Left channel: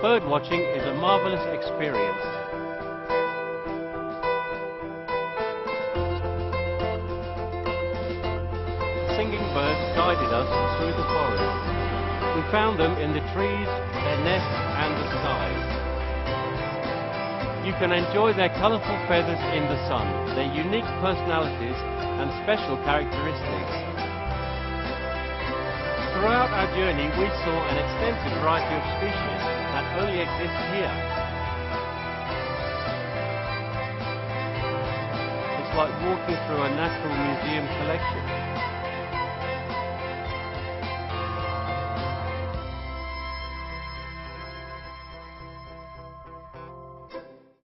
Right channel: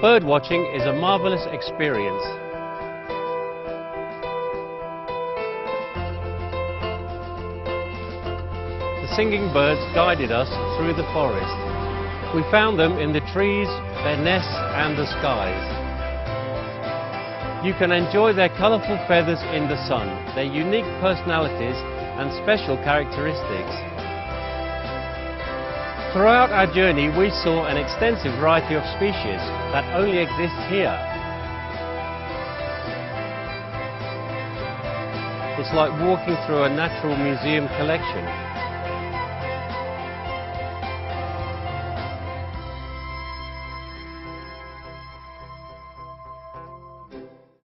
Bird watching is a marvelous experience. The singing birds guided us through the forest. We found them in the trees, their nests and the skies. You can enjoy their colourful feathers in the sun, their unique personalities and special characteristics. Throughout our journey we saw an extensive variety of species that only exist here. It's like walking through a natural museum collection.